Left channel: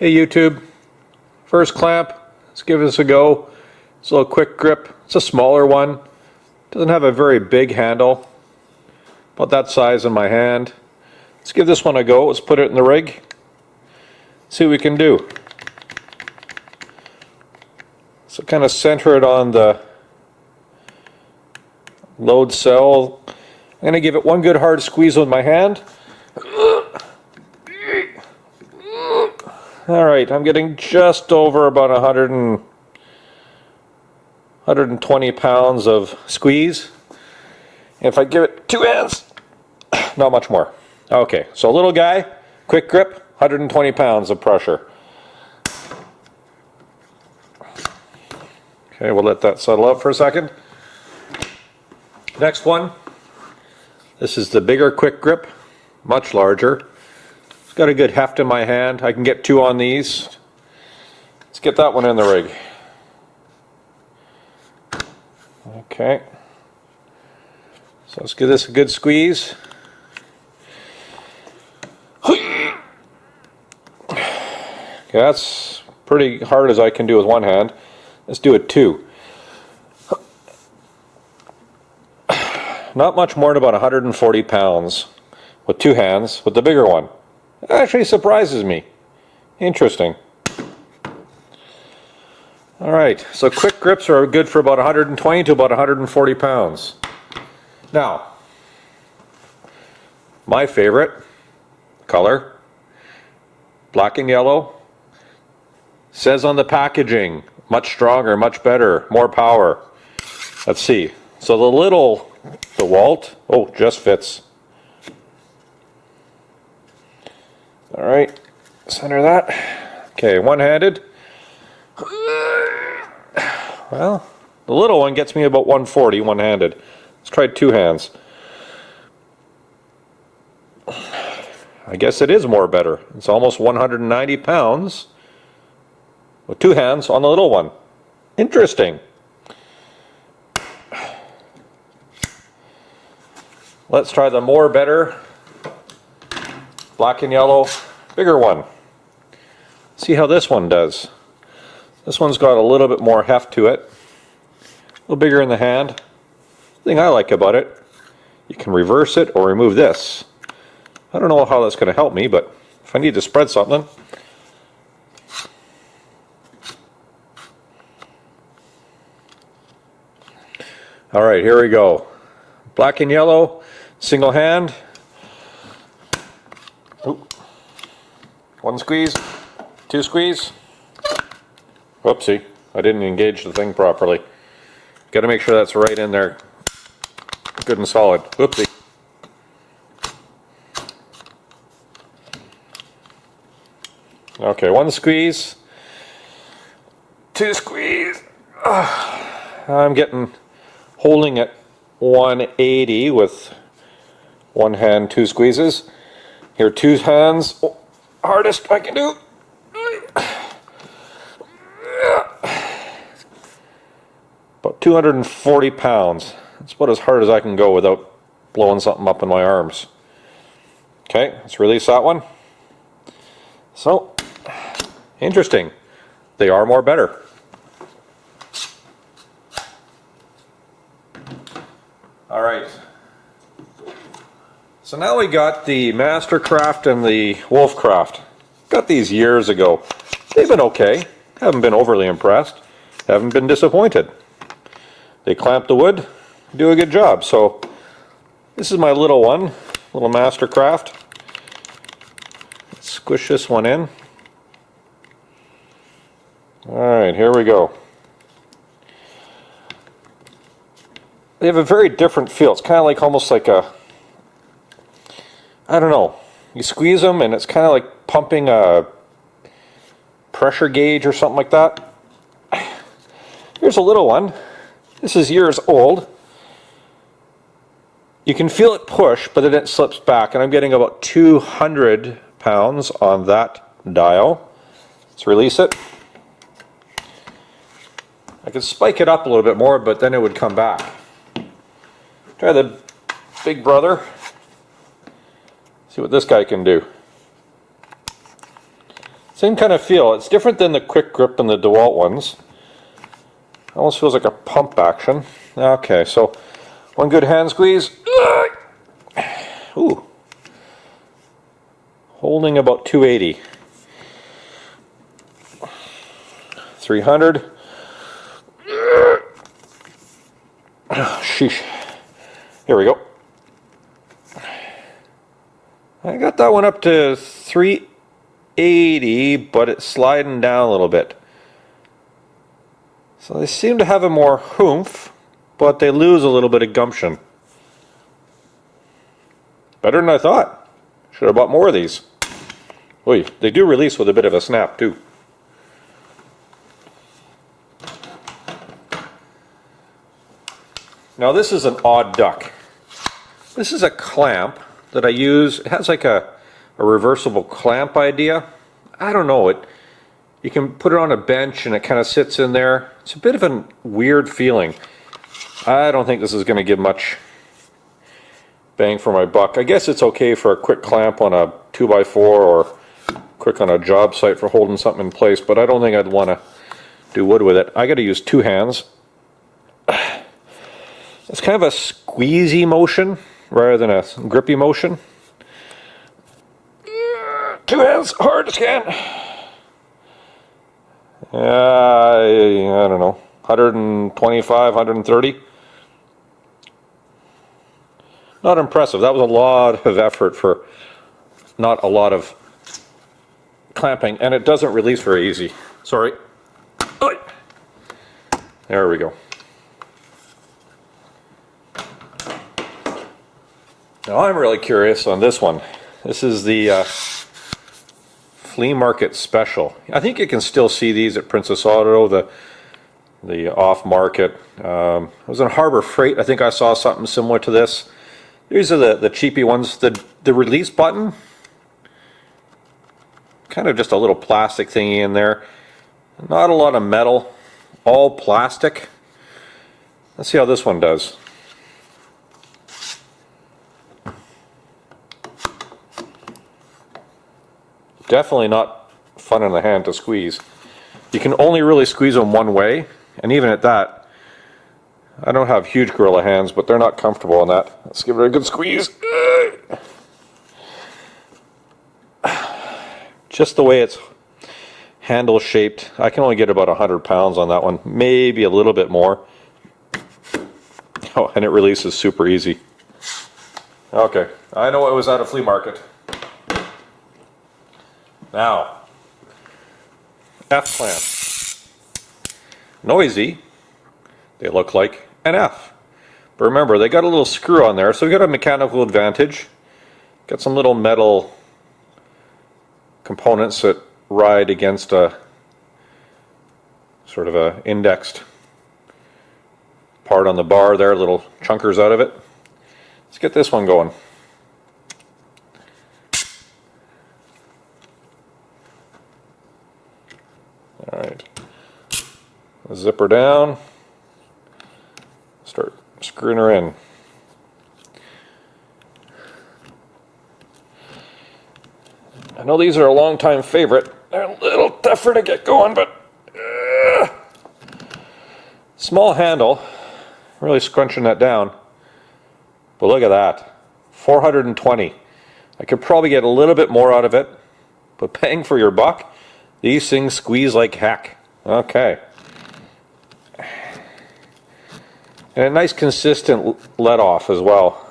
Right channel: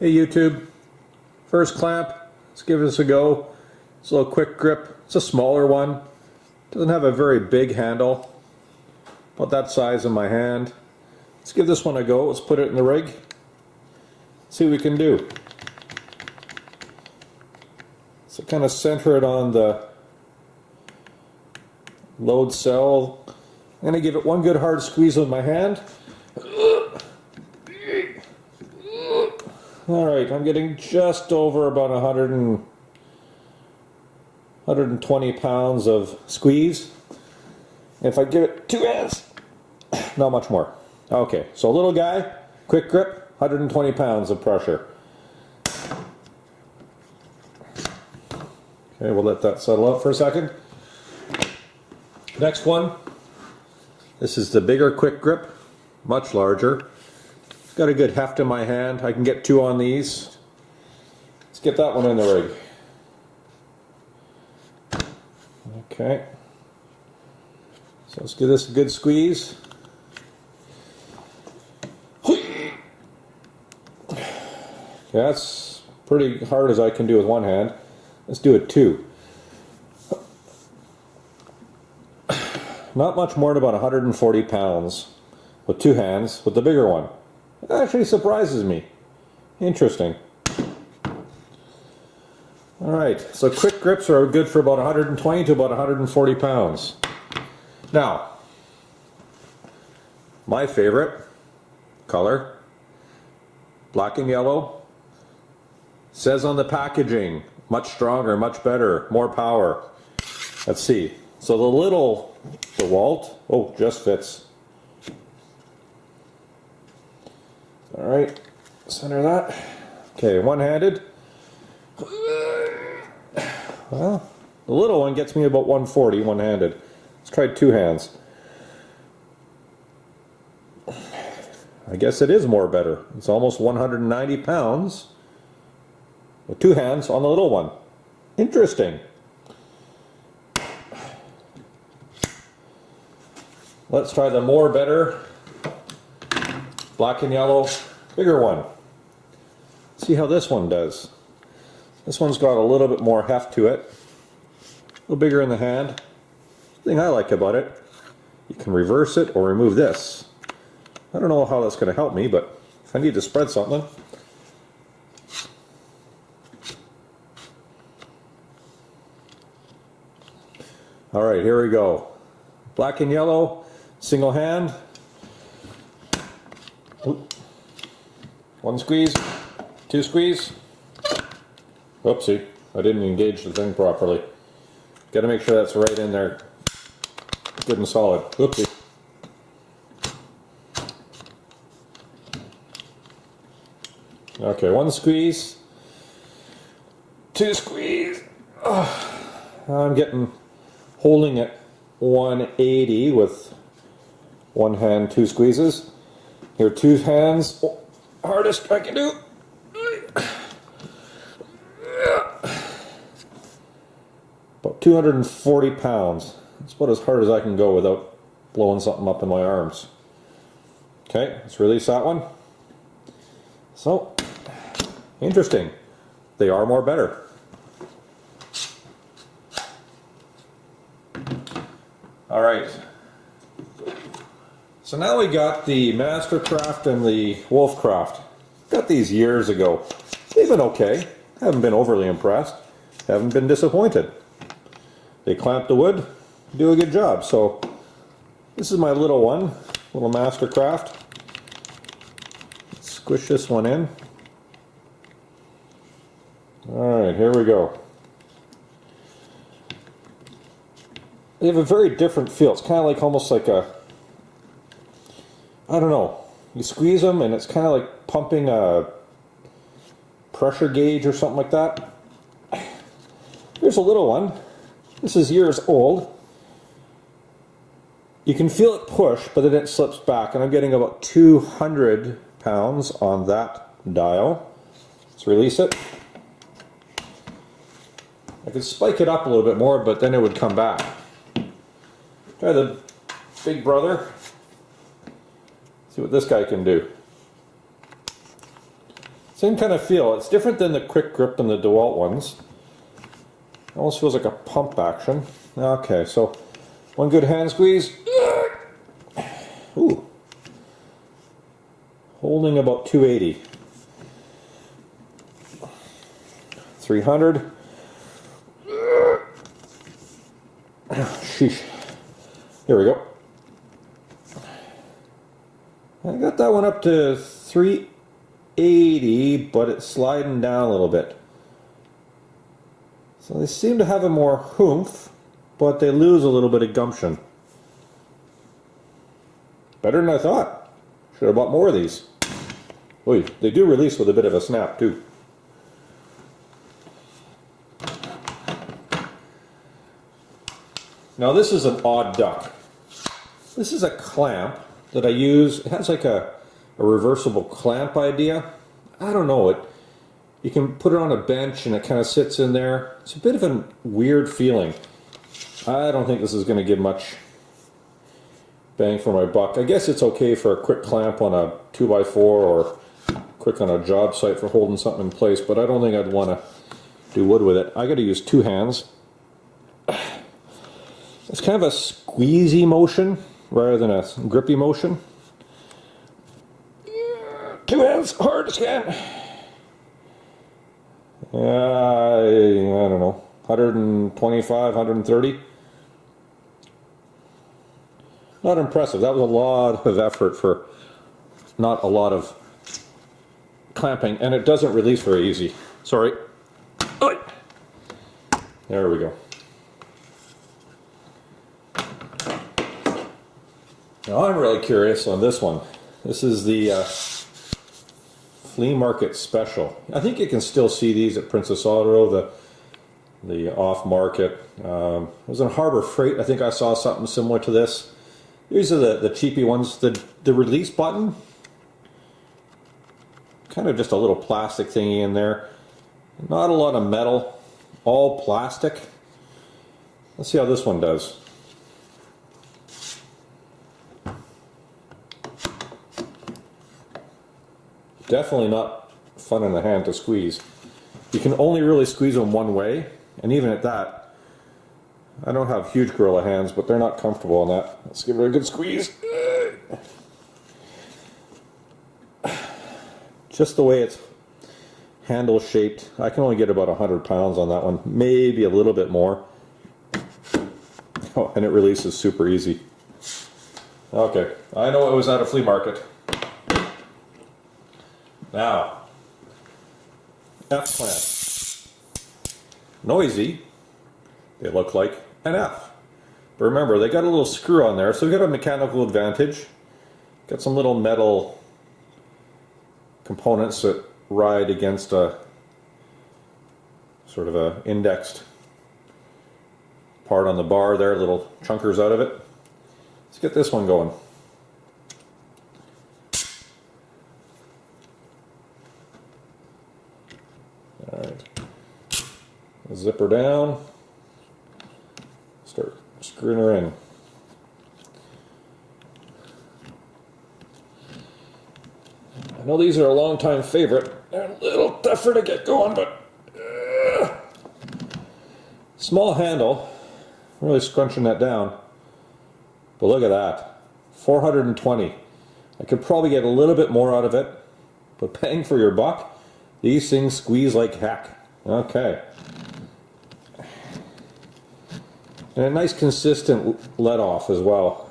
Hey YouTube, first clamp, let's give this a go. It's a little quick grip, it's a smaller one, doesn't have a very big handle, about that size in my hand. Let's give this one a go, let's put it in the rig, see what we can do. So kind of center it on the load cell. I'm going to give it one good hard squeeze with my hand. Alright, I'm getting just over about 120 pounds of squeeze. And if I give it two hands, not much more. Okay, so little guy, quick grip, 120 pounds of pressure. Okay, we'll let that settle out for a second. Next one, this is the bigger quick grip, much larger. Got a good heft in my hand. I can get two on these. Let's get that one in the rig. Okay. So let's give this a good squeeze. Okay, that's pretty hard as I can do with one hand. Let's do it two. Not much more than about 140 pounds with two hands with the bigger one. It actually surprises me. Interesting. Alright, so quick grips are good for about 120 to about 140 pounds. Now, my favorite color, black and yellow, says on the packaging, much stronger, much better, more power. Let's see. So the DeWalt, oh, just fits. Alright, center that. Okay, one-handed. Well, the little one gets me about 140 one-handed. Let's try two hands. I guess it is more better. It's almost 190 pounds with two hands on the little one. Interesting. Let's try the more better black and yellow bigger one. See how this one does. This one's got a little bit more heft to it. A little bigger in the hand. The thing I like about it, you can reverse it or remove this. I don't know how that's going to help me, but if I need to spread something. Alright, here we go. Black and yellow, single hand. Oop. One squeeze, two squeeze. Whoopsie, I didn't engage the thing properly. Got to make sure that's right in there, good and solid. Whoopsie. Okay, one squeeze, two squeeze. I'm holding at 180 with one hand, two squeezes. Here, two hands, hardest I can do. About 240 pounds. That's about as hard as I can go without blowing something up in my arms. Okay, let's release that one. So, interesting. They are more better. Alright. So now we got the Mastercraft and the Wolfcraft. Got these years ago. They've been okay. Haven't been overly impressed. Haven't been disappointed. They clamp the wood, do a good job. So this is my little one, little Mastercraft. Let's squish this one in. Alright, here we go. They have a very different feel. It's kind of like almost like a, I don't know, you squeeze them and it's kind of like pumping a pressure gauge or something like that. Here's a little one. This is years old. You can feel it push, but then it slips back, and I'm getting about 200 pounds on that dial. Let's release it. I could spike it up a little bit more, but then it would come back. Try the big brother. See what this guy can do. Same kind of feel. It's different than the quick grip and the DeWalt ones. Almost feels like a pump action. Okay, so one good hand squeeze. Ooh. Holding about 280. 300. Sheesh. Here we go. I got that one up to 380, but it's sliding down a little bit. So they seem to have a more oomph, but they lose a little bit of gumption. Better than I thought. Should have bought more of these. Oy, they do release with a bit of a snap too. Now this is an odd duck. This is a clamp that I use. It has like a reversible clamp idea. I don't know, you can put it on a bench and it kind of sits in there. It's a bit of a weird feeling. I don't think this is going to give much bang for my buck. I guess it's okay for a quick clamp on a 2x4 or quick on a job site for holding something in place, but I don't think I'd want to do wood with it. I got to use two hands. It's kind of a squeezy motion rather than a grippy motion. Two hands, hard as can. I don't know, 125, 130. Not impressive. That was a lot of effort for not a lot of clamping, and it doesn't release very easy. Sorry. There we go. Now I'm really curious on this one. This is the flea market special. I think you can still see these at Princess Auto, the off market. I was in Harbor Freight. I think I saw something similar to this. These are the cheapy ones. The release button, kind of just a little plastic thingy in there. Not a lot of metal, all plastic. Let's see how this one does. Definitely not fun in the hand to squeeze. You can only really squeeze them one way, and even at that, I don't have huge gorilla hands, but they're not comfortable in that. Let's give it a good squeeze. Just the way it's handle shaped, I can only get about 100 pounds on that one, maybe a little bit more. Oh, and it releases super easy. Okay, I know it was at a flea market. Now, F clamp. Noisy, they look like an F. But remember, they got a little screw on there, so we got a mechanical advantage. Got some little metal components that ride against a sort of a indexed part on the bar there, little chunkers out of it. Let's get this one going. Alright, zip her down, start screwing her in. I know these are a long time favorite. They're a little tougher to get going, but small handle, really scrunching that down. But look at that, 420. I could probably get a little bit more out of it, but paying for your buck, these things squeeze like heck. Okay. And a nice consistent let off as well.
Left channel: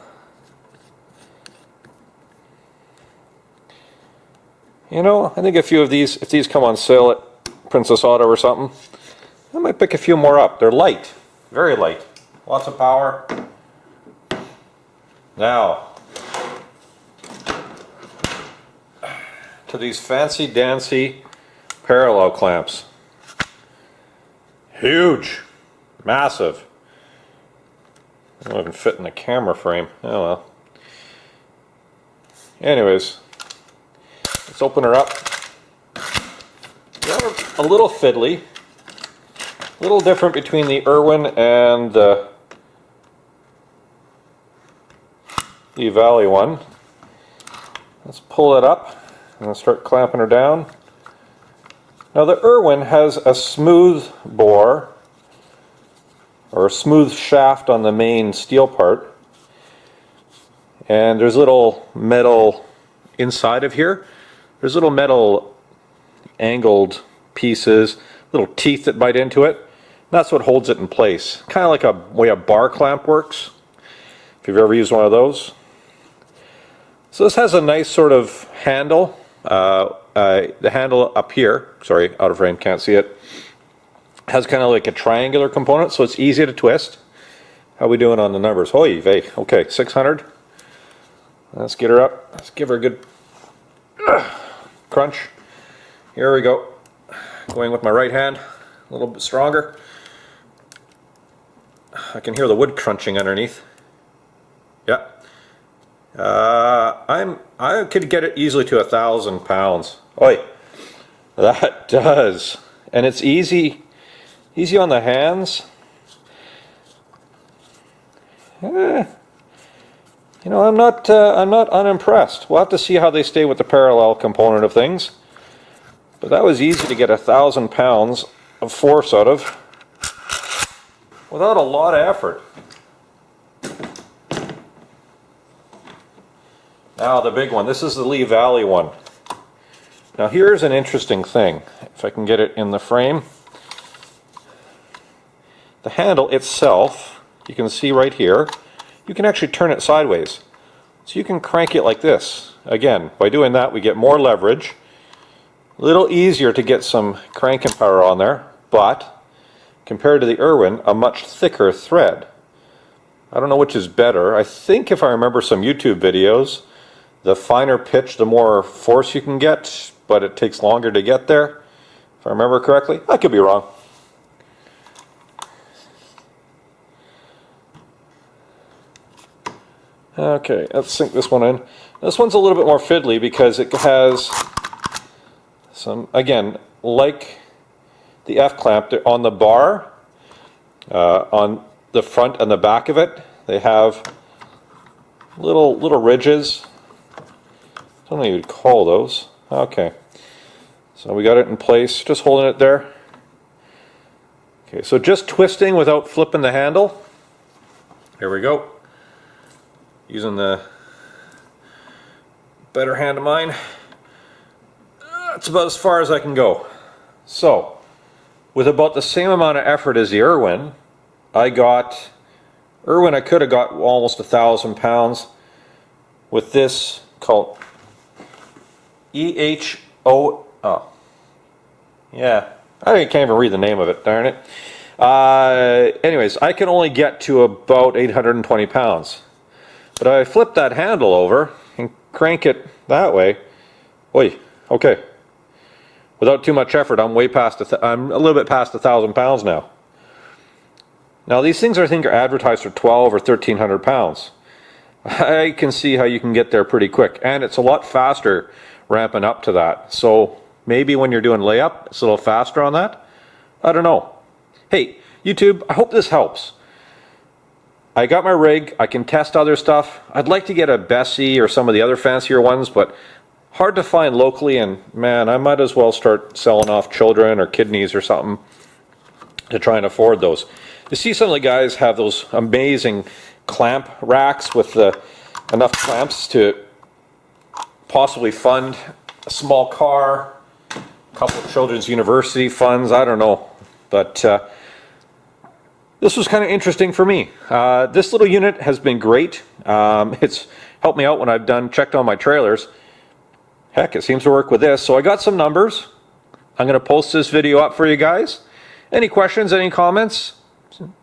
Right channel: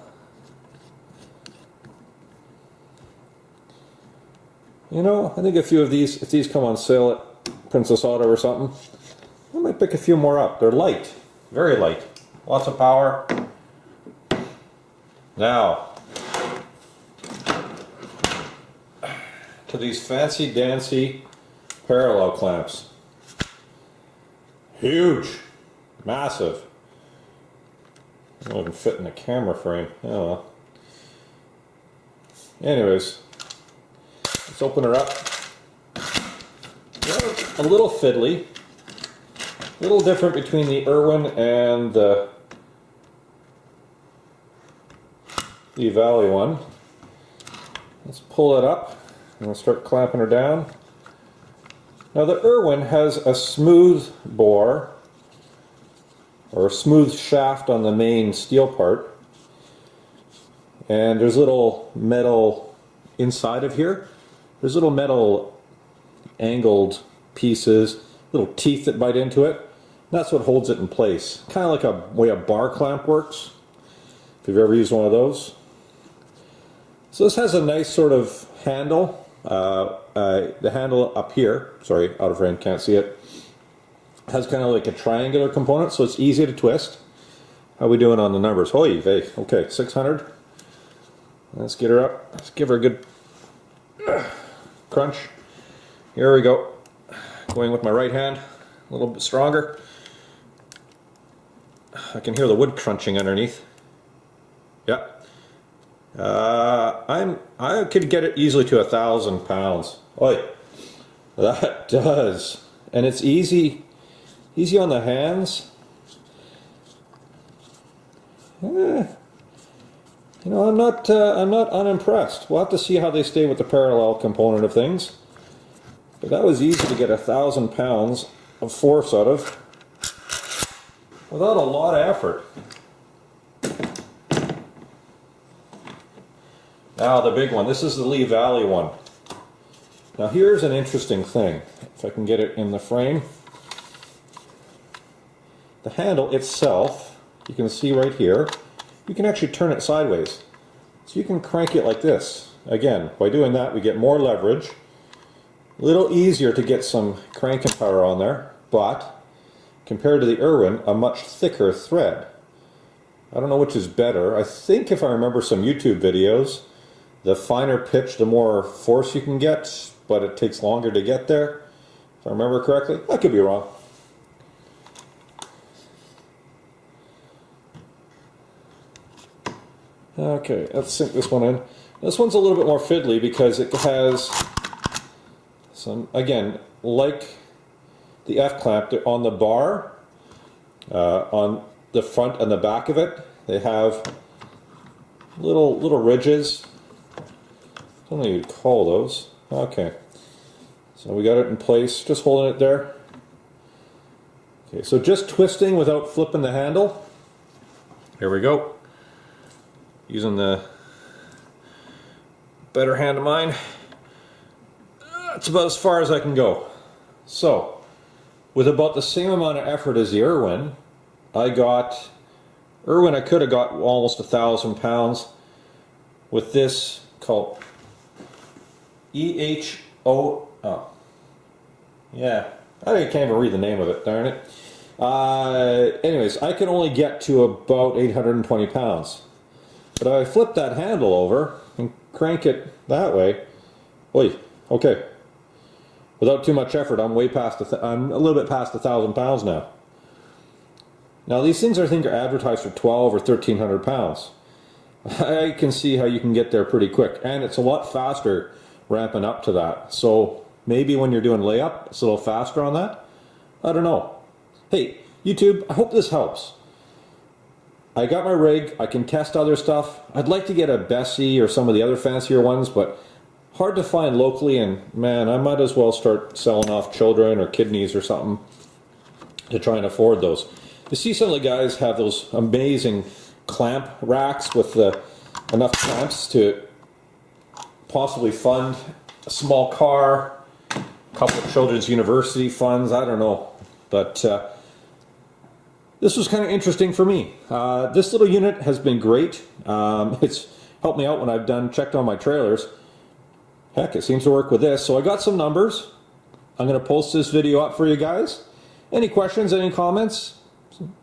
You know, I think a few of these, if these come on sale at Princess Auto or something, I might pick a few more up. They're light, very light. Lots of power. Now, to these fancy dancy parallel clamps. Huge, massive. They don't even fit in the camera frame. Oh well. Anyways, let's open her up. A little fiddly, a little different between the Irwin and the Valley one. Let's pull it up and start clamping her down. Now the Irwin has a smooth bore, or a smooth shaft on the main steel part, and there's little metal inside of here. There's little metal angled pieces, little teeth that bite into it. That's what holds it in place. Kind of like a way a bar clamp works, if you've ever used one of those. So this has a nice sort of handle. The handle up here, sorry, out of frame, can't see it, has kind of like a triangular component, so it's easy to twist. How are we doing on the numbers? Oy vey, okay, 600. Let's get her up. Let's give her a good crunch. Here we go. Going with my right hand, a little bit stronger. I can hear the wood crunching underneath. Yeah. I could get it easily to 1,000 pounds. Oi, that does, and it's easy on the hands. You know, I'm not unimpressed. We'll have to see how they stay with the parallel component of things. But that was easy to get 1,000 pounds of force out of without a lot of effort. Now the big one. This is the Lee Valley one. Now here's an interesting thing. If I can get it in the frame. The handle itself, you can see right here, you can actually turn it sideways. So you can crank it like this. Again, by doing that we get more leverage. A little easier to get some cranking power on there, but compared to the Irwin, a much thicker thread. I don't know which is better. I think if I remember some YouTube videos, the finer pitch, the more force you can get, but it takes longer to get there. If I remember correctly. I could be wrong. Okay, let's sink this one in. This one's a little bit more fiddly because it has some, again, like the F-clamp, on the bar, on the front and the back of it, they have little ridges. I don't know what you'd call those. Okay, so we got it in place, just holding it there. Okay, so just twisting without flipping the handle. Here we go. Using the better hand of mine. That's about as far as I can go. So, with about the same amount of effort as the Irwin, I could have got almost 1,000 pounds with this called EHO. Oh, yeah, I can't even read the name of it, darn it. Anyways, I can only get to about 820 pounds. But I flip that handle over and crank it that way. Oi, okay. Without too much effort, I'm way past. I'm a little bit past 1,000 pounds now. Now these things I think are advertised for 1,200 or 1,300 pounds. I can see how you can get there pretty quick, and it's a lot faster ramping up to that. So maybe when you're doing layup, it's a little faster on that. I don't know. Hey, YouTube, I hope this helps. I got my rig, I can test other stuff. I'd like to get a Bessie or some of the other fancier ones, but hard to find locally, and man, I might as well start selling off children or kidneys or something to try and afford those. You see some of the guys have those amazing clamp racks with enough clamps to possibly fund a small car, a couple of children's university funds, I don't know. But this was kind of interesting for me. This little unit has been great. It's helped me out when I've checked on my trailers. Heck, it seems to work with this. So I got some numbers. I'm going to post this video up for you guys. Any questions, any comments?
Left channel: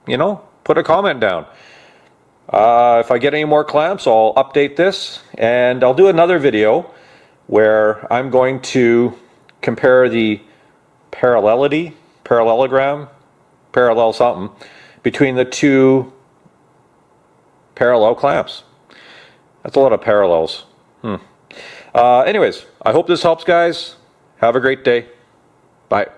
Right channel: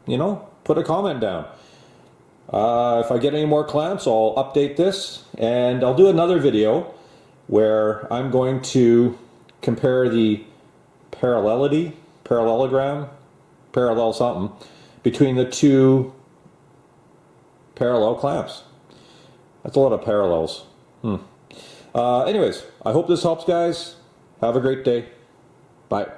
You know, put a comment down. If I get any more clamps, I'll update this. And I'll do another video where I'm going to compare the parallelogram, parallel something, between the two parallel clamps. That's a lot of parallels. Anyways, I hope this helps, guys. Have a great day. Bye.